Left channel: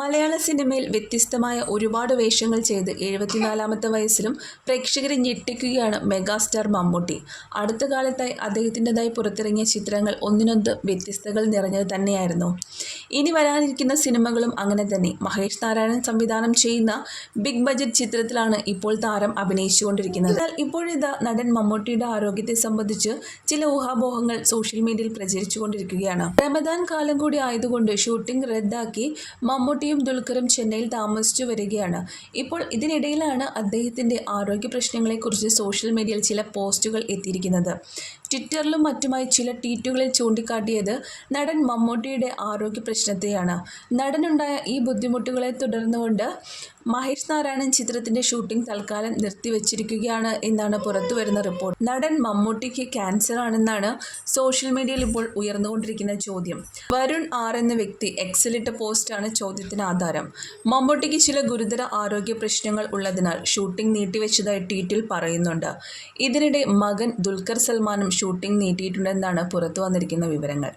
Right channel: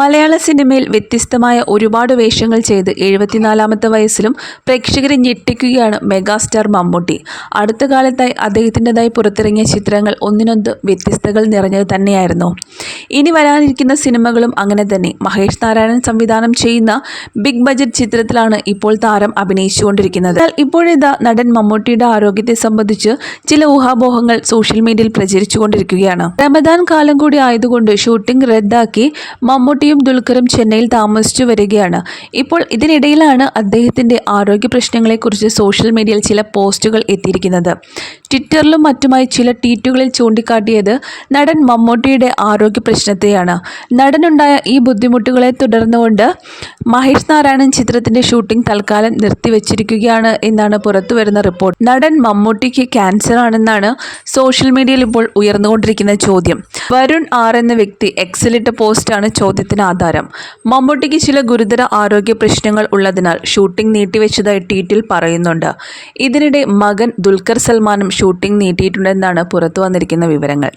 മലയാള സിനിമയിൽ വ്യത്യസ്തമായ ഒരുപാട് വേഷങ്ങൾ ചെയ്ത് എഴുപത്തിനാലാമത്തെ വയസ്സിലും പ്രേക്ഷകരെ ഞെട്ടിക്കുകയാണ് മെഗാസ്റ്റാർ മമ്മൂട്ടി. അടുത്ത കാലത്തായി അദ്ദേഹത്തിന്റെതായി പുറത്തിറങ്ങിയ ചിത്രങ്ങൾ ഒന്നിനൊന്ന് വ്യത്യസ്തകൾ നിറഞ്ഞത് തന്നെയായിരുന്നു. ഇനി വരാനിരിക്കുന്ന സിനിമകളും അങ്ങനെ തന്നെ. മഹേഷ് നാരായണൻ സംവിധാനം ചെയ്യുന്ന ബിഗ് ബജറ്റ് ചിത്രത്തിലാണ് ഇപ്പോൾ താരം അഭിനയിച്ചുകൊണ്ടിരിക്കുന്നത്. എന്നാൽ ഇപ്പോഴിതാ നടൻ മമ്മൂട്ടിയുടെ ആരോഗ്യത്തെ സംബന്ധിച്ച് ചില ഊഹാപോഹങ്ങൾ സോഷ്യൽ മീഡിയയിൽ പ്രചരിച്ചുകൊണ്ടിരിക്കുകയാണ്. റമദാൻ കാലം കൂടി ആയതുകൊണ്ട് ഷൂട്ടിംഗ് റദ്ദാക്കി മമ്മൂട്ടിയും ദുൽഖറും ചെന്നൈയിൽ താമസിച്ചു വരികയാണ്. ഇപ്പോൾ ഇതിനിടയിലാണ് അദ്ദേഹത്തിന്റെ ആരോഗ്യ പ്രശ്നങ്ങളെക്കുറിച്ച് സോഷ്യൽ മീഡിയയിൽ ചില പോസ്റ്റുകൾ എത്തിയിരിക്കുന്നത്. ട്വിറ്ററിലും മറ്റുമായി ചില ട്വീറ്റുകളിൽ ചൂണ്ടിക്കാട്ടിയത് നടൻ മമ്മൂട്ടിയുടെ ആരോഗ്യ പ്രശ്നത്തെയാണ്. നടനുണ്ടായ ഈ ബുദ്ധിമുട്ടുകളെ തുടർന്നുകൊണ്ട് മഹേഷ് നാരായണൻ ചിത്രത്തിന്റെ ഷൂട്ടിംഗ് തൽക്കാലം നിർത്തിവെച്ചിരിക്കുകയാണ് എന്നാണ് പുറത്തുവരുന്ന റിപ്പോർട്ട്. നടൻ മമ്മൂട്ടിക്ക് ക്യാൻസർ ആണെന്നാണ് സോഷ്യൽ മീഡിയയിൽ ഇപ്പോൾ ഉയർന്നുകൊണ്ടിരിക്കുന്ന ചോദ്യം. വരുൺ ആർ എന്ന വ്യക്തി എക്സലിട്ട പോസ്റ്റാണ് ചോദ്യത്തിന് ആധാരം മമ്മൂട്ടിക്ക് ചില ഗുരുതര ആരോഗ്യ പ്രശ്നങ്ങൾ ഉള്ളതിനാൽ ഷൂട്ടിംഗ് നീട്ടിവെച്ചതായി ട്വീറ്റിൽ പറയുന്നുണ്ട്. ഇതിനിടെ മകൻ ദുൽഖർ സൽമാനും ഷൂട്ടിംഗ് നീട്ടിയിട്ടുണ്ടെന്നാണ് പുറത്തു വന്നിരിക്കുന്ന വിവരങ്ങൾ.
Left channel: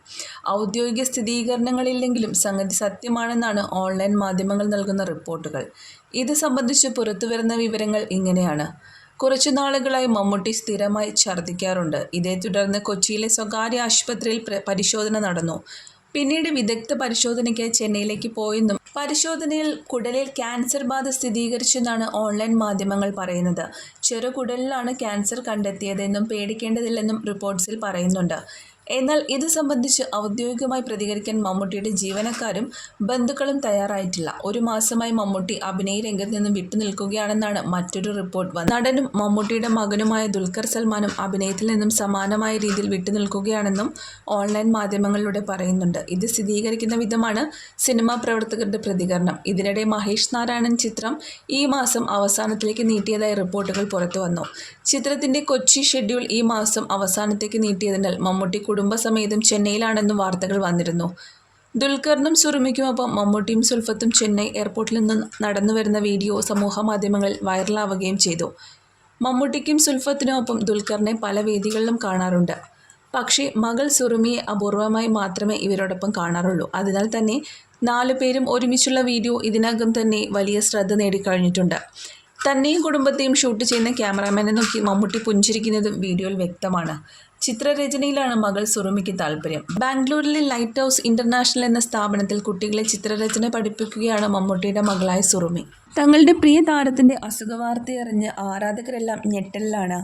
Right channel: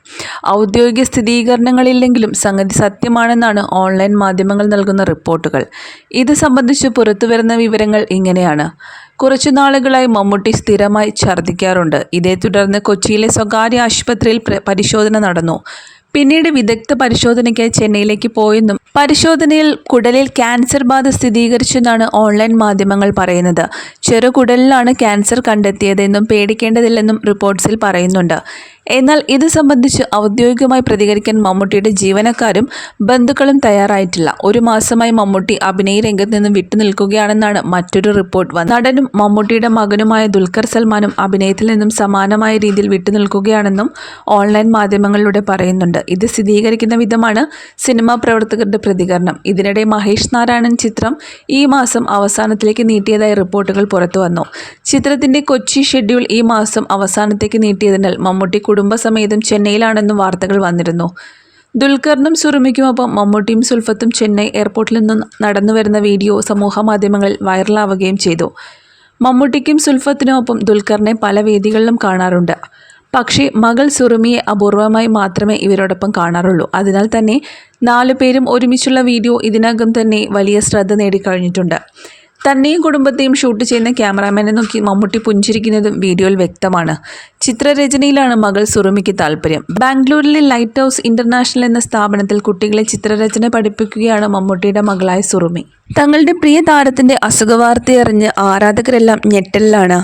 ഔദ്യോഗിക സ്ഥിരീകരണങ്ങളില്ലെങ്കിലും സംഗതി സത്യമാണെന്നാണ് ഓൺലൈൻ മാധ്യമങ്ങൾ നൽകുന്ന റിപ്പോർട്ടുകൾ. ഇത് സംബന്ധിച്ച് പുറത്തുവരുന്ന വിവരങ്ങൾ ഇങ്ങനെയാണ്. കുറച്ചു നാളുകളായി മമ്മൂട്ടി സ്ഥിരമായി ഛർദ്ദിക്കാറുണ്ട്. ഇതേ തുടർന്ന് കൊച്ചിയിലെ സ്വകാര്യ ആശുപത്രിയിൽ പരിശോധന നടന്നു. പിന്നീട് വിദഗ്ധ പരിശോധനയ്ക്കായി ചെന്നൈയിലേക്ക് പോയെന്നും പരിശോധനയിൽ കുടലിൽ ക്യാൻസർ ബാധ സ്ഥിരീകരിച്ചെന്നാണ് ഓൺലൈൻ മാധ്യമങ്ങൾ പറയുന്നത്. ചെറുകുടലിലാണ് ക്യാൻസർ കണ്ടെത്തിയതെന്നും പേടിക്കേണ്ടതില്ലെന്നും റിപ്പോർട്ട്സിൽ പറയുന്നുണ്ട്. എന്നാൽ ഇത് സംബന്ധിച്ച് ഔദ്യോഗികമായി പ്രതികരിക്കാൻ മമ്മൂട്ടിയുടെ ജീവനക്കാരും ബന്ധുക്കളും തയ്യാറായിട്ടില്ല. ഒരു മാസമായി മമ്മൂട്ടി അഭിനയ രംഗത്ത് നിന്ന് വിട്ടുനിൽക്കുകയാണെന്നാണ് മറ്റൊരു റിപ്പോർട്ട് വന്നത്. നടനും മമ്മൂട്ടിയുടെ മകനുമായ ദുൽഖർ സൽമാനും അഭിനയത്തിൽ നിന്നും സമാനമായ രീതിയിൽ വിട്ടുനിൽക്കുകയാണെന്നും ഓൺലൈൻ മാധ്യമങ്ങളിലൂടെ പറയുന്നുണ്ട്. ഇത് സ്ഥിരീകരിക്കുന്ന വിധമാണ് സിനിമാ പ്രവർത്തകരുടെ പ്രതികരണം. ഇതിനിടെ മഹേഷ് നാരായണൻ ചിത്രം ഈ മാസം അവസാനത്തിലേക്ക് നീട്ടിയതായി റിപ്പോർട്ടുകൾ പുറത്തു വന്നു. ചിത്രത്തിന്റെ കൊച്ചി ഷെഡ്യൂൾ ഈ മാസം അവസാനത്തേക്ക് നീട്ടിയതിനാൽ മമ്മൂട്ടി കുടുംബസമേതം ചെന്നൈയിലാണെന്നും വാർത്തകൾ വന്നിരുന്നു. ദുൽഖറിനും സുറുമിക്കുമൊപ്പം മമ്മൂട്ടിയും സുൽഫത്തും ചെന്നൈ എയർപോർട്ടിൽ നിന്നും നടന്നു വരുന്ന വീഡിയോ സമൂഹ മാധ്യമങ്ങളിൽ വൈറലാവുകയും ചെയ്തു. മമ്മൂട്ടിക്കും സുൽഫത്തിനുമൊപ്പം ദുൽഖറിനെ പല വേദികളിലും കാണാറുണ്ട്. പക്ഷേ മകൾ സുറുമിയെ അപൂർവമായി മാത്രമേ ഇവരോടൊപ്പം കാണാറുള്ളൂ. അതിനാൽ തന്നെ നാലു പേരും ഒരുമിച്ചുള്ള വീഡിയോ ഇതിനകം തന്നെ വലിയ ശ്രദ്ധ നേടിക്കഴിഞ്ഞിട്ടുണ്ട്. തന്നെയും കുടുംബത്തെയും ഷൂട്ട് ചെയ്യുന്ന ക്യാമറാമാനെ നോക്കി മമ്മൂട്ടി പുഞ്ചിരിക്കുന്നതും വീഡിയോയിൽ വ്യക്തമാണ്. ചിത്രരചനയിലാണ് മകൾ സുറുമിക്ക് താല്പര്യം. ബാംഗ്ലൂരിലെ ലൈറ്റ് ഹൗസ് ഇന്റർനാഷണൽ എന്ന സ്ഥാപനത്തിൽ കുട്ടികളെ ചിത്രരചന പഠിപ്പിക്കുകയാണ് മമ്മൂട്ടിയുടെ മകളായ സുറുമി. തങ്ങളുടെ പ്രിയ താരത്തിന്റെ അസുഖവാർത്തയറിഞ്ഞ് ആരാധകരെല്ലാം ഞെട്ടലിലാണ്.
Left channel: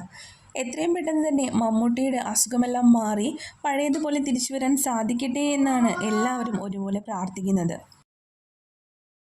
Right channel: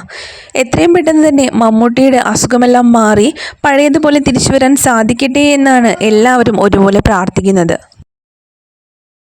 എത്രയും പെട്ടെന്ന് തന്നെ മമ്മൂട്ടിയുടെ അസുഖമെല്ലാം മാറി പഴയതുപോലെ തിരിച്ചു വരാൻ സാധിക്കട്ടെ എന്നാണ് എല്ലാവരും ഒരുപോലെ പ്രാർത്ഥിക്കുന്നത്.